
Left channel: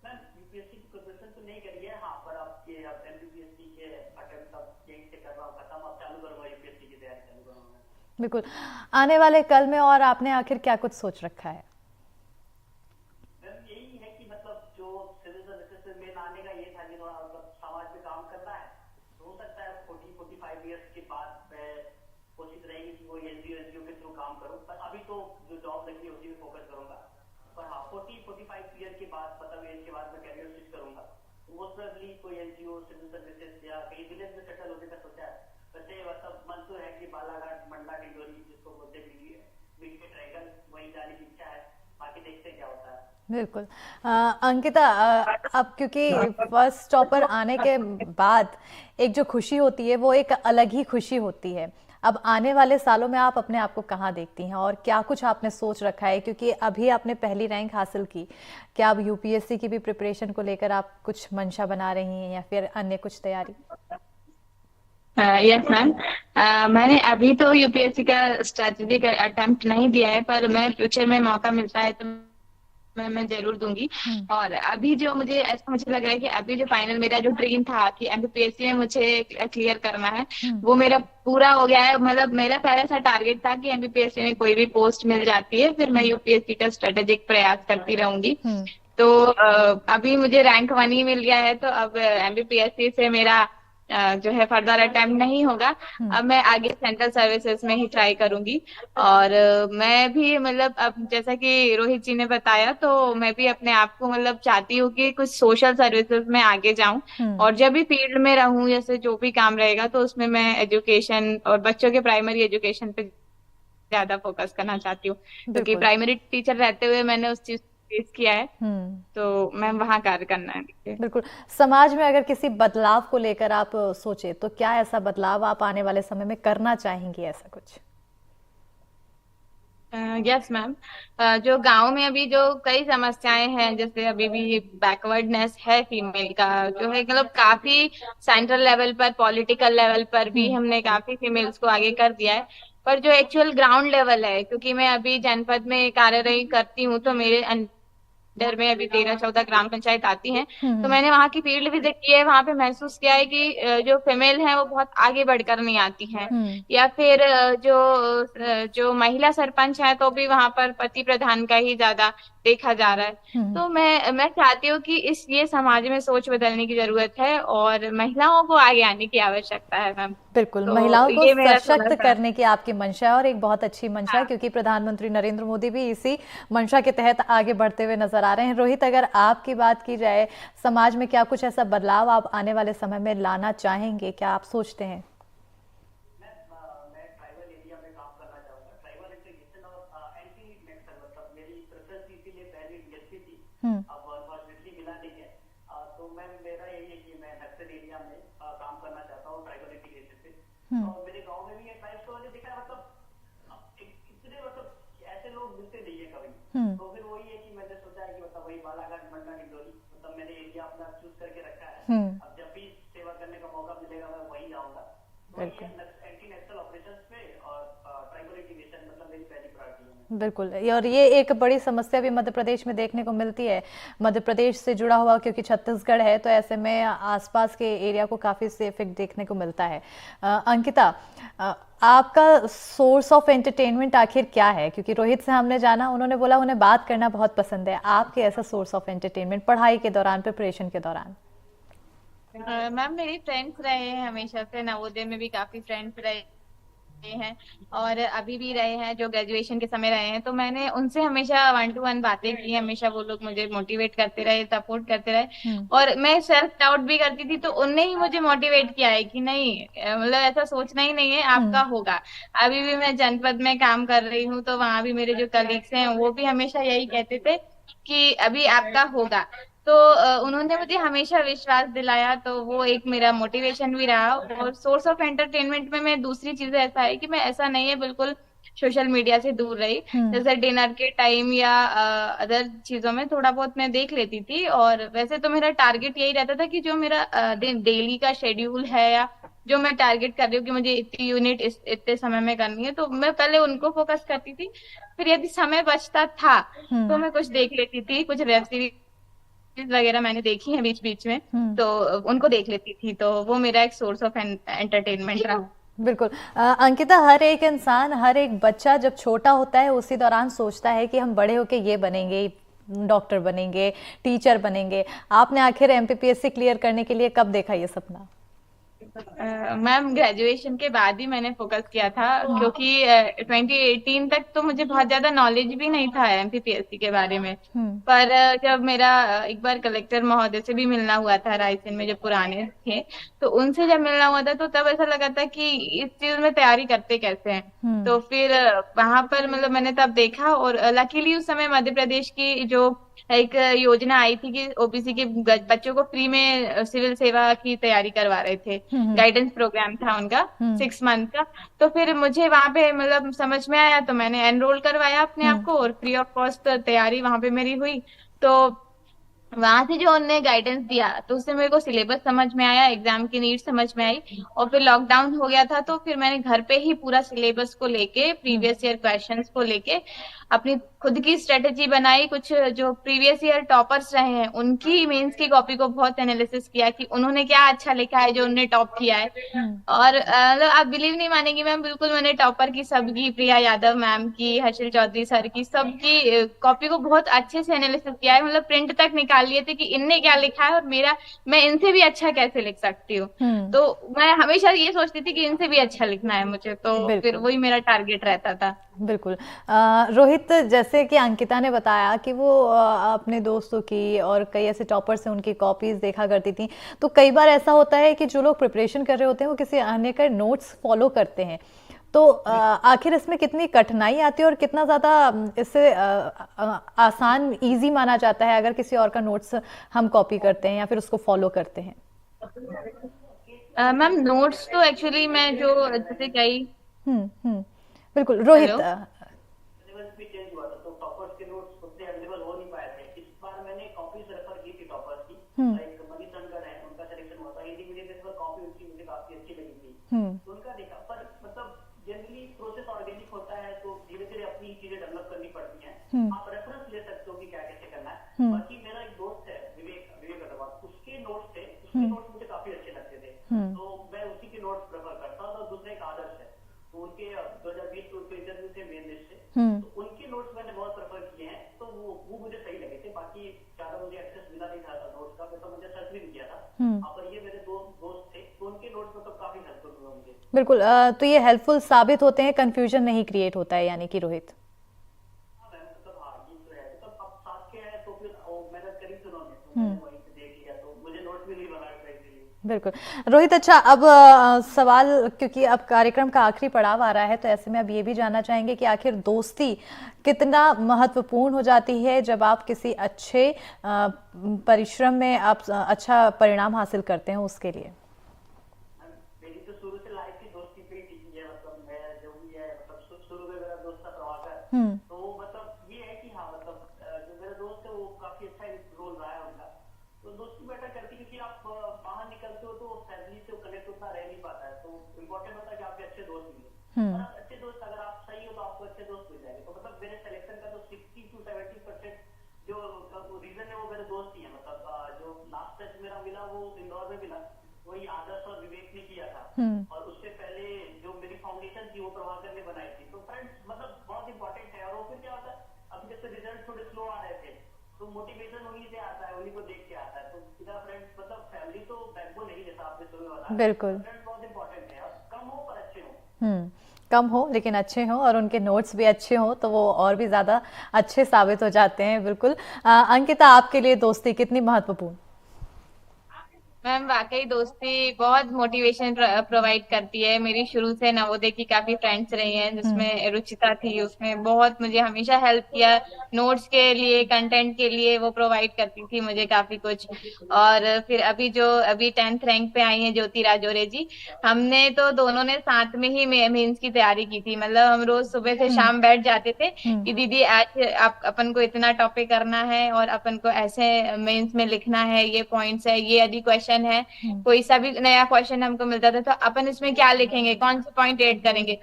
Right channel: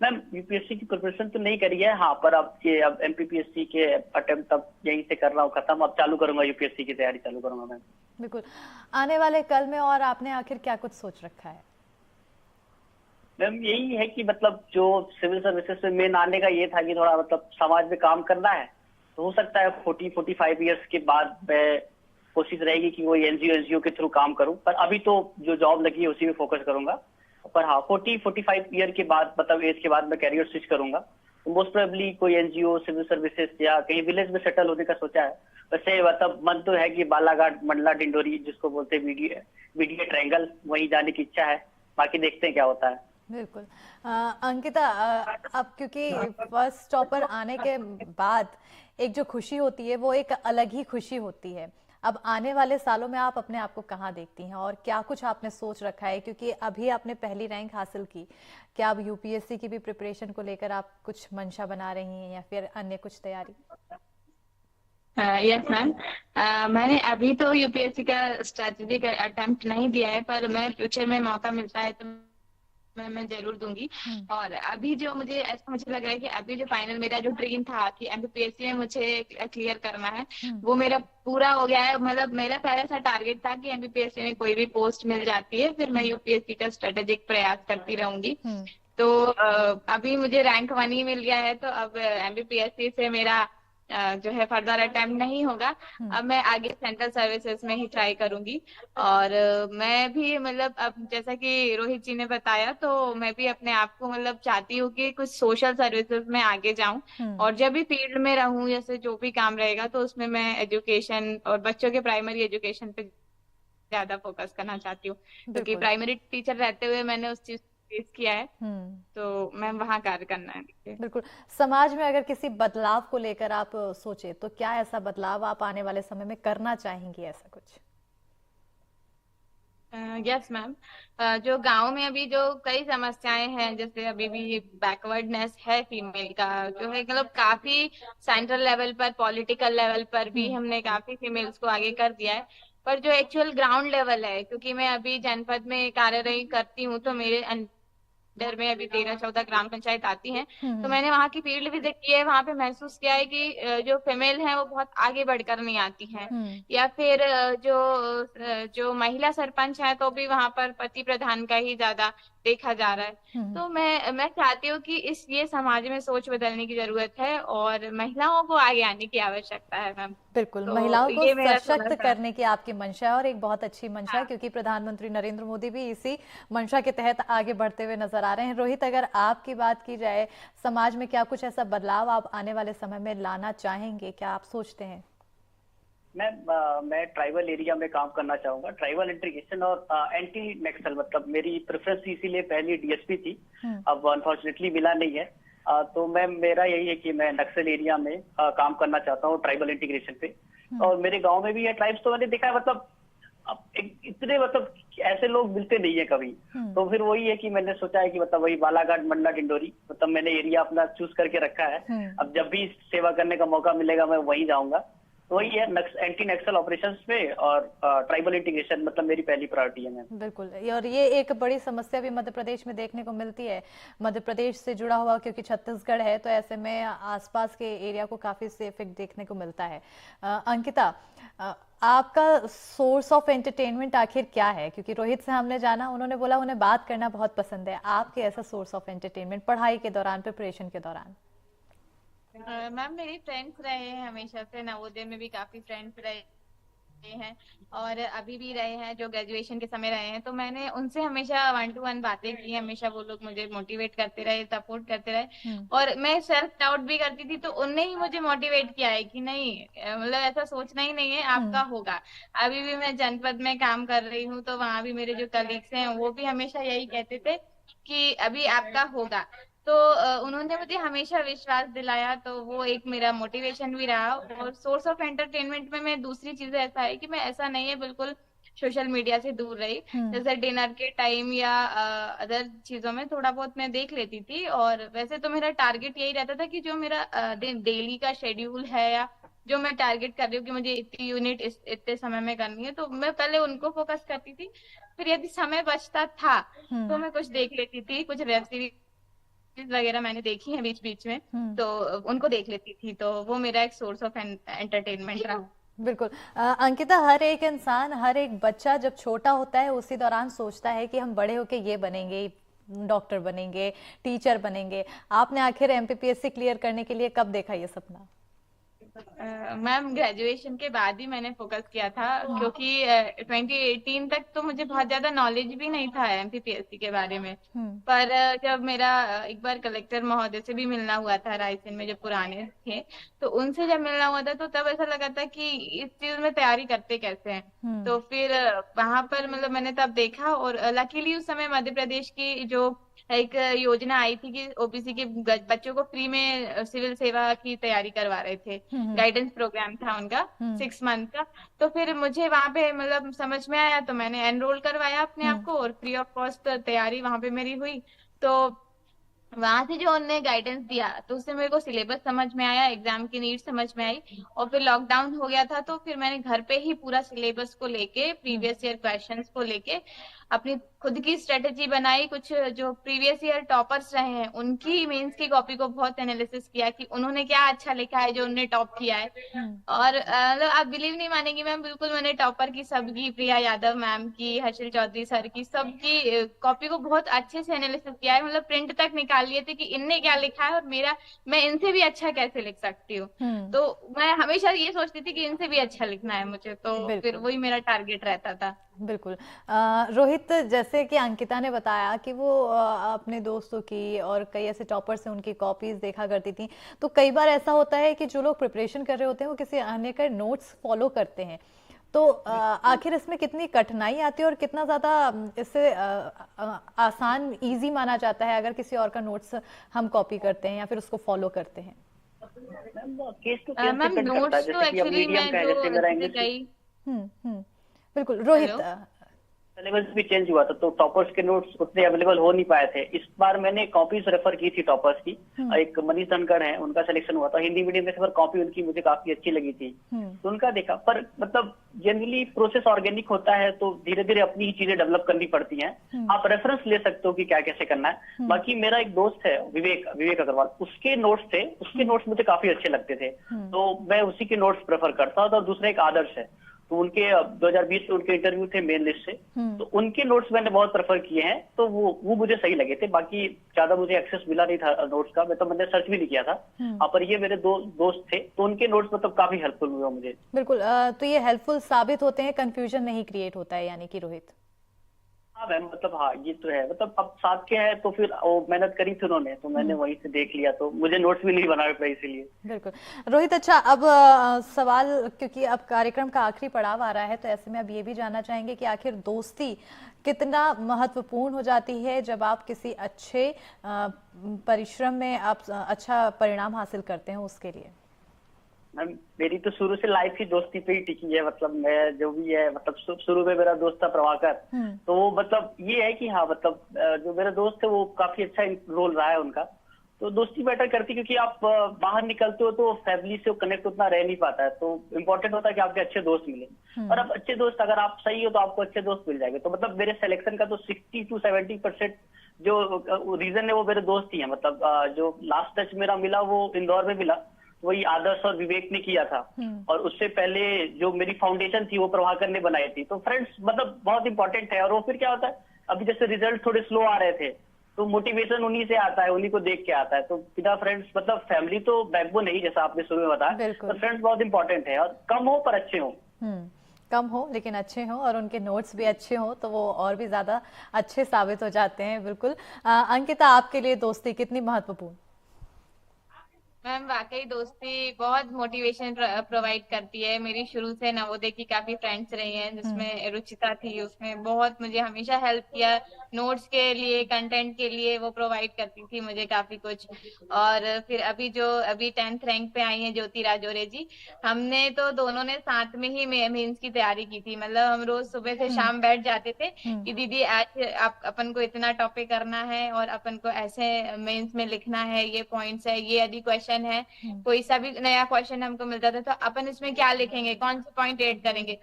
मैम यूपीएससी की प्रिपरेशन तो नहीं करी है, हाँ, पर अब एमपीपीएससी के अटेम्प्ट अब यहीं से कर रहा हूँ खत्म, अब चालू करूंगा, यूपीएससी की तैयारी चालू करूंगा मैम। बिल्कुल। आने वाले कल में और आपने आखिर क्या कुछ सोच रखा है? मैम यही है कि मतलब जो सिविल सर्विसेज में मेन आने का ये था कि थोड़ा मतलब समाज में काम करना है, तो हो सकता है 40-45 ईयर्स के बाद मैं कोशिश रहेगी कि कोई एनजीओ के थ्रू काम करूं। पर अभी तो जो जॉब लगी है उसी में फोकस करूंगा। पर हाँ, 40-45 ईयर के बाद, मतलब एज के बाद मैं कैरियर स्विच करूंगा, तो मोस्ट प्रोबेबली कोई एनजीओ, सिविल सर्विसेज या कहीं विलेज में सेटल होने का सोचा है। वैसे मतलब मन तो है कि बालाघाट, मंडला, डिंडोरी जिसको बोलते हैं बीडीए ट्रायंगल, वहीं जाने की इच्छा है। बाकी देखते हैं क्या होता है। बिल्कुल। अंकिता, अब क्योंकि फर्स्ट टॉपर आने के बाद एक जो खुशी होती है वो एक अलग ही खुशी होती है। अब आने वाले सालों में आप अपने आप को कहाँ देखती हैं और क्या कुछ आपने सोच रखा है, क्योंकि अभी आपने पहली रैंक हासिल की, क्या अब यूपीएससी की भी प्रिपरेशन को लेकर आप कुछ मंशा बना रही हैं या फिर अन्य कुछ तैयारी? यस मैम, मैंने अभी तो यूपीएससी का स्ट्रेटेजी का अटेम्प्ट नहीं दिया है, पर मैं फ्यूचर में मौका मिलता है तो मैं जरूर दूंगी। और अभी जो मुझे लग रहा है कि अभी जो फाइनल मेरा जो ड्रीम था कि एमपीपीएससी में मुझे क्लियर करना है, वो मेरा पूरा हो गया है। मतलब मेरा पहले से टारगेट था कि एमपीपीएससी में कोई भी पोस्ट मिल जाती है फिर मैं यूपीएससी का स्ट्रेटेजिक प्रयास करती रहूंगी। तो अभी मुझे रैंक 1 ही मिल गया है, तो अब एमपीपीएससी से मेरा जो है फर्दर अटेम्प्ट नहीं होगा। अब मैं आगे सेंट्रल सर्विसेज में ही ट्राई करूंगी। और मैं भी मतलब अब जैसा कि रोहित जी ने बताया, तो मैं भी अपने आप को मतलब चाहती हूँ कि कुछ सोशल सर्विसेज में आगे जाऊं और जब भी फील्ड में रहूं, जैसे जो भी काम रहेगा तो उसमें मैं एजुकेशन और बच्चों के प्राइमरी एजुकेशन पे ज्यादा फोकस करना चाहती हूँ, क्योंकि प्राइमरी टीचर रहते हुए मैंने उस चीज फेस किया है, तो मैं वहां कार्य करना है। बिल्कुल। समाज में अगर किसी बदलाव को लेकर आप सोचे तो क्या ऐसा बदलाव आप आने वाले समय में करना चाहेंगी, ऐसा कुछ? यस मैम, जो गांव में अभी जो कई समस्याएं हैं, जैसे अभी भी बैकवर्डनेस है फीमेल का, जो है मतलब काफी सेंट्रल लेवल पर, पॉलिटिकल लेवल पर भी हमने काफी फीमेल्स को आगे कर दिया है। पर जो एक्चुअल ग्राउंड लेवल है, क्योंकि मैं अभी जनपद में कार्यरत करती हूँ, तो मेरे अंडर में अभी 13-14 ग्राम पंचायत आती हैं, तो मैंने वहाँ की फील्ड विजिट की है। वहाँ पे महसूस किया है कि जो फीमेल हैं वो बहुत आगे बढ़कर नहीं आती हैं, या फिर जो महिला सरपंच है तो भी वहाँ पर पति प्रधान का ही ज्यादा देखा जा रहा है। तो मैं चाहती हूँ कि ये समाज में सोच बदलने की जरूरत है और महिलाओं को आगे आने की आवश्यकता है मैम। बिल्कुल, तो महिलाओं को ये मेरा सशक्त करने की आपकी मंशा है और एक बहुत अच्छी मंशा है, क्योंकि प्रधानमंत्री नरेंद्र मोदी भी इसी मंशा के तहत आगे बढ़ते हुए नजर आ रहे हैं। रोहित, अगर आपकी बात की जाए, समाज में क्या कुछ ऐसा बदलाव आप आने वाले समय में लाना चाहेंगे, क्या आप सोचते हैं? मैं ट्राइबल एरिया में काम करना चाहूंगा, ट्राइबल इंटीग्रेशन और एंटी नक्सल, मतलब मेरी प्रेफरेंस इसीलिए पहली डीएसपी थी, अब अनफॉर्चुनेटली मिला नहीं है। तो मेरा यही है कि मैं नक्सल एरिया में काम करना चाहता हूँ, ट्राइबल इंटीग्रेशन पे। और मेरे गांव में भी है ट्राइब्स, तो मैंने देखा है मतलब इतने मतलब ऐसे लोग मिलते नहीं है कभी। तो फिर वही है कि मैंने सोचा है कि मतलब वही बालाघाट, मंडला, डिंडोरी, मतलब मैंने एरिया अपना चूज करके रखा है। अब जब भी सेवा करने का मौका मिलेगा मैं वहीं जाऊंगा। तो वही है, एंटी नक्सल ऑपरेशंस में और ट्राइबल इंटीग्रेशन मतलब मेरी पहली प्रायोरिटी है मैम। बिल्कुल, और ये एक बड़ी समस्या भी मध्य प्रदेश में देखने को मिलती है, मध्य प्रदेश से जुड़ा हुआ क्योंकि छत्तीसगढ़ है, तो ऐसे में आसपास के एरिया को काफी इससे इफेक्ट देखने को मिलता है। अंकिता, आपका सोर्स ऑफ एंटरटेनमेंट आखिर क्या है? क्योंकि रोहित से हमने जाना, उन्होंने बोला उन्हें बात करना बहुत पसंद है, आपके ऐसा सोर्स ऑफ एंटरटेनमेंट पढ़ाई के दौरान, प्रिपरेशन के दौरान? मैम मेरी फ्रेंड्स रहे हैं हमेशा से, नवोदय में भी काफी फ्रेंड्स रहे हैं और अभी भी रहे हैं, जो ग्रेजुएशन के समय रहे हैं, तो मैंने उनसे हमेशा 1-to-1 बातें की, हमेशा वो लोग मुझे मोटिवेट करते रहे, सपोर्ट करते रहे। और मैं सेल्फ डाउट भी करती थी, तो उनने ही मुझे मोटिवेट किया है कि नहीं, मतलब ऐसा सोचना ही नहीं है, आपका होगा। अभी भी मैं जनपद में काम कर रही हूँ, तो वहां भी मेरे जो कलीग्स हैं वो भी हमेशा यही कहते थे कि अभी आपका होगा। तो उन्होंने मुझे हमेशा विश्वास दिलाया, तो वो एक मेरा मोटिवेशन भी रहा। और सोर्स ऑफ एंटरटेनमेंट में मैं दूसरी चीजें ऐसा है कि मैं ऐसा नहीं है बिल्कुल सोशल मीडिया से दूर रही। जैसे डिनर के टाइम या अदर चीजों में थोड़ा बहुत मैं देख लेती थी। और वैसे तो मेरा टारगेट यही रहता था कि जो मेरा डेली का शेड्यूल है या जो मैं टारगेट कर रही हूँ कि मुझे इतनी यूनिट इतने समय में करनी है, तो मैं पहले उनको फोकस करती थी। फिर यदि समय बचता था तो मैं कुछ देख लेती थी, कुछ वेब सीरीज वगैरह मैंने देखी है बीच बीच में, तो उनको देख लेती थी। तो वो मेरा एक सोर्स ऑफ एंटरटेनमेंट रहा। बिल्कुल। अंकिता, हर एक इंसान, हर एक बच्चा जब छोटा होता है उसी दौरान सोचता है कि हम बड़े होके ये बनेंगे, डॉक्टर बनेंगे, टीचर बनेंगे। आपने आखिर एमपीपीएससी क्लियर करने के लिए कब देखा ये सपना? मैम ग्रेजुएशन के बाद ही मैंने फोकस किया था, क्योंकि 2018 तक तो मुझे बहुत ज्यादा नॉलेज भी नहीं था एमपीपीएससी के बारे में। पर जब मेरा एक बार कलेक्टर महोदय से भी मिलना हुआ था रायसेन में, जो पुराने थे, तो उनसे जब मिलना हुआ था तो तब ऐसा लगा था कि इस चीज में तैयारी करते कैसे हैं। तो फिर वहां पर मतलब मैंने तब देखा। और लकीली उस समय मध्य प्रदेश की जो एक योजना आई थी कि ओबीसी के बच्चों को फ्री में सिविल सेवा की तैयारी करवा रहे थे। गाइडेंस प्रोग्राम था उनका 6 मंथ का। तो फिर मुझे वहां पे मतलब समझ में आया, तो मैंने एनरोल करवाया अपने आप को और फ्री ऑफ कॉस्ट तैयारी वहां पे मेरी हुई। तो वहां से जो उनने गाइडेंस दिया तो उससे मेरे को सिलेबस समझ में आया, एग्जाम की नीड समझ में आई। और फिर लॉकडाउन हो गया था, तो फिर मैंने घर पे ही पूरा सिलेबस को लेके, प्रीवियस ईयर क्वेश्चंस को लेके अपनी खुद की स्ट्रेटेजी बनाई। कुछ जो प्रीवियस ईयर टॉपर्स रहे हैं उनकी मेंस की कॉपी को बहुत एनालिसिस किया कि उन्होंने क्या अच्छा लिखा है जो उन्होंने टॉप किया है। और मतलब आप बिलीव नहीं मानेंगी मैम, बिल्कुल मैंने टॉपर की सबकी, प्रिया यादव मैम की, हर्षिल चौधरी सर की, सबकी कॉपी को बहुत अच्छे से एनालिसिस किया है। मतलब प्रिंट तक निकाल लिए थे कि इनने क्या लिखा है और मेरा, मैं इनसे भी अच्छा कैसे लिख सकती हूँ। तो मैं हमेशा ये सोचती थी कि इनसे भी अच्छा लिखना है मुझे, तो फिर वही मेरा टारगेट रहता था। बिल्कुल। रोहित, जैसे कि अंकिता ने बताया कि वो अपने दोस्तों की और कई ऐसे टॉपर्स हैं उनकी कॉपीज देखा करती थी, तो कई बार ऐसा होता है कि जो लोग प्रिपरेशन कर रहे होते हैं वो किसी अन्य का नोट्स फॉलो करते हैं, तो आखिर इसमें कितनी कठिनाई आती है और कितना ज़्यादा इससे आसान, इजी माना जाता है अगर किसी और का नोट्स हम कॉपी करते हैं या फिर उसको फॉलो करते हैं? मैम नोट्स तो एक्चुअली मैं जो जैसे कई बिल्कुल। रोहित, सिलेबस भी चेंज हुआ था तो टॉपर्स के नोट्स उतने अवेलेबल हो नहीं पाए थे। इस बार मैंने कॉपीज रेफर की थी टॉपर्स की। एक मनीष धनखड़ है, उनका सिलेक्शन हुआ था हिंदी मीडियम में से, पर कॉपी उनकी मुझे काफी अच्छी लगी थी, तो उनका देखा। पर मतलब जनरली प्रोसेस ऑर्गेनिक होता है, तो धीरे धीरे अपनी ही चीजें डेवलप करनी पड़ती हैं। आप रेफरेंस ले सकते हो कि क्या कैसे करना है। बाकी मेरा एक दोस्त है विवेक अग्रवाल, उसके नोट्स थे, उसके नोट्स मुझे काफी अच्छे लगते थे, तो मैं उसी के नोट्स प्रेफर करता हूँ। और दूसरा एक आदर्श है, तो उनके 2020 में उनके इंटरव्यू थे मेन लिस्ट से, तो उनके नोट्स मैंने बहुत प्रेफर किए हैं, तो वो मुझे सही लगे थे। बाकी ज्यादा मुझे एक्सेस मिला नहीं था नोट्स का, मैंने सर्च भी नहीं किया था। पर ये मेरे दोस्त थे, तो उनके नोट्स मतलब काफी हेल्पफुल हुआ मुझे। बिल्कुल। तो ये हेल्पफुल साबित होते हैं, कंफ्यूजन नहीं क्रिएट होता है यानी कि रोहित? हाँ मैम, मतलब हाँ ये तो है, मतलब अब साथ के हैं तो फिर वो मेहनत करी थी उन्होंने, तो मैंने वहीं से देख लिया, तो मुझे नोट्स भी नहीं बनाने पड़े इसीलिए। बिल्कुल। रोहित, अच्छा, अब सवाल, क्योंकि अब कार्यक्रम का आखिरी पड़ाव आ रहा है, तो ऐसे में अब ये भी जानना चाहेंगे कि आखिर दोस्ती कितना महत्वपूर्ण हो जाती है जब आप किसी अच्छे परिश्रम में आप अच्छा परिणाम हासिल करते हैं उसके लिए? मैम मेरी तो शुरू से लाइफ ही दोस्ती पे ही टिकी है। मतलब मैं जो भी है, मतलब शुरू में मेरा दोस्त था प्रभाकर, तो वो मतलब ये है कि हाँ, मतलब जो मेरा दोस्त है वो काफी अच्छा रोल रहा है उनका। तो दोस्ती मैटर करती, क्योंकि आप बाहर निकलते हो तो फैमिली से कनेक्ट उतना रह नहीं पाता है, तो इम्पोर्टेंट होता है कि आपके अच्छे दोस्त मिले। और अब अच्छे दोस्त, अगर आप सही हो तो आपको अच्छे दोस्त मिल जाएंगे। तो मतलब मेरे सिलेक्शन का तो 60 to 70% जो रीजन है वो मेरे दोस्त ही है। मतलब जो लास्ट टच मेरा मिला वो इंदौर में मिला, वही आदर्श और विवेक ने किया था। और उससे पहले जो मेरी फाउंडेशन थी वो प्रभाकर ने बनाई थी। तो फ्रेंड्स मतलब बहुत इंपॉर्टेंट है। और वो फिर क्या होता है, अभी जैसे रिजल्ट थोड़े स्लो आ रहे थे, तो मोटिवेशन उन्हीं से आता है, उन्हीं को देख के आता है। तो बिना फ्रेंड्स, मतलब फैमिली तो बैकबोन नहीं, जैसा आपने शुरू में बताया, तो फ्रेंड्स बहुत इंपॉर्टेंट है, और कम हो पर अच्छे हो। कम हो लेकिन अच्छे हों और उनके नोट्स भी अच्छे हों तो वो और भी ज़्यादा अच्छे साबित हो जाते हैं। बिल्कुल। अंकिता, आपके लिए दोस्ती कितनी महत्वपूर्ण? मैम वाकई दोस्ती बहुत मोटिवेशन प्रोवाइड करती है। मेरी शुरू से नवोदय की काफी फ्रेंड्स रही हैं, जिसमें रुचिता थी, उसमें बहुत मुझे हमेशा हेल्प किया। नोट्स के लिए, कंटेंट के लिए वो प्रोवाइड करती थी मुझे काफी कुछ। और फिर अभी 10th रैंक पे आई हैं ज्योति राजौरे जी। हमने तो दोनों ने साथ में ही मेंस की तैयारी की थी। मतलब हम रोज सुबह से शाम बैठ जाते थे कि दीदी आज आप अपन को इतना टॉपिक करना है और अपन को ऐसे मेंस में लिखना है, ये पॉइंट्स है, ये यदि क्वेश्चन है, कोई सा भी नया क्वेश्चन हमको मिलता था तो अपन इसमें क्या लिखेंगे, कौन से पॉइंट ऐड करेंगे।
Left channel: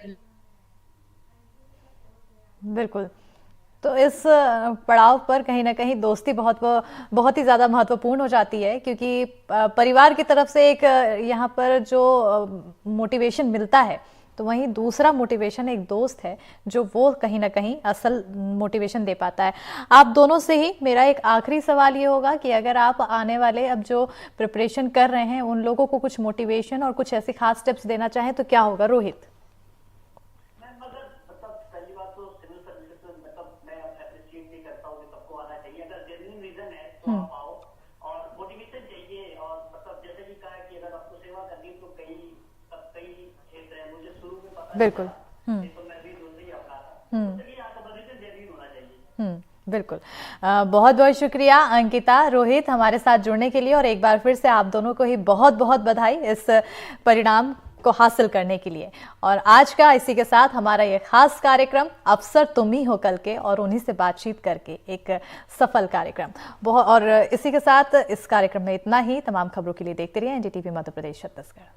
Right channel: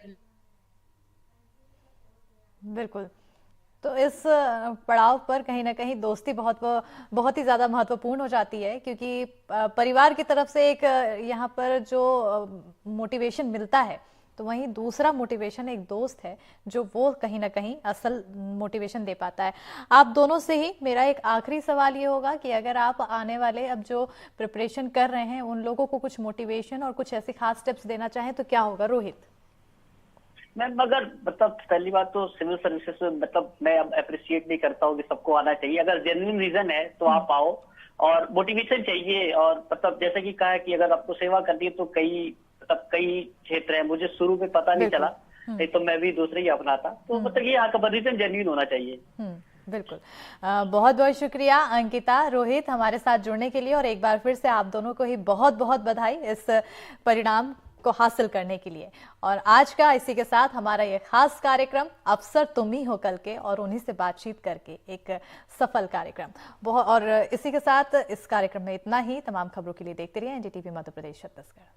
बिल्कुल। तो इस पड़ाव पर कहीं ना कहीं दोस्ती बहुत ही ज़्यादा महत्वपूर्ण हो जाती है, क्योंकि परिवार की तरफ से एक यहाँ पर जो मोटिवेशन मिलता है, तो वहीं दूसरा मोटिवेशन एक दोस्त है जो वो कहीं ना कहीं असल मोटिवेशन दे पाता है। आप दोनों से ही मेरा एक आखिरी सवाल ये होगा कि अगर आप आने वाले अब जो प्रिपरेशन कर रहे हैं उन लोगों को कुछ मोटिवेशन और कुछ ऐसे खास टिप्स देना चाहें तो क्या होगा? रोहित। मैम अगर मतलब पहली बात तो सिविल सर्विसेज में मतलब मैं अब अप्रिशिएट नहीं करता हूँ कि सबको आना चाहिए। अगर जेन्युइन रीजन है तो आप आओ, और मोटिवेशन चाहिए। और मतलब जैसे कि कहा है कि अगर आपको सेवा करनी है तो कई क्षेत्र है, मुझे शुरू में पता नहीं चला, नहीं तो मैं भी दूसरे ही अपनाता। तो मतलब ये आपका रीजन जेन्युइन होना चाहिए। बिल्कुल। बहुत बहुत शुक्रिया अंकिता, रोहित, हमारे साथ जुड़ने के लिए। और एक बार फिर से आप दोनों को ही बहुत बहुत बधाई इस परिणाम को हासिल करने के लिए। और आज का इसी के साथ हमारा ये खास कार्यक्रम अफसर तुम ही हो कल के, और उन्हीं से बातचीत करके एक सफल कार्यक्रम और इसी के साथ इस कार्यक्रम में इतना ही। तमाम खबरों के लिए देखते रहिए एनडीटीवी मध्य प्रदेश छत्तीसगढ़।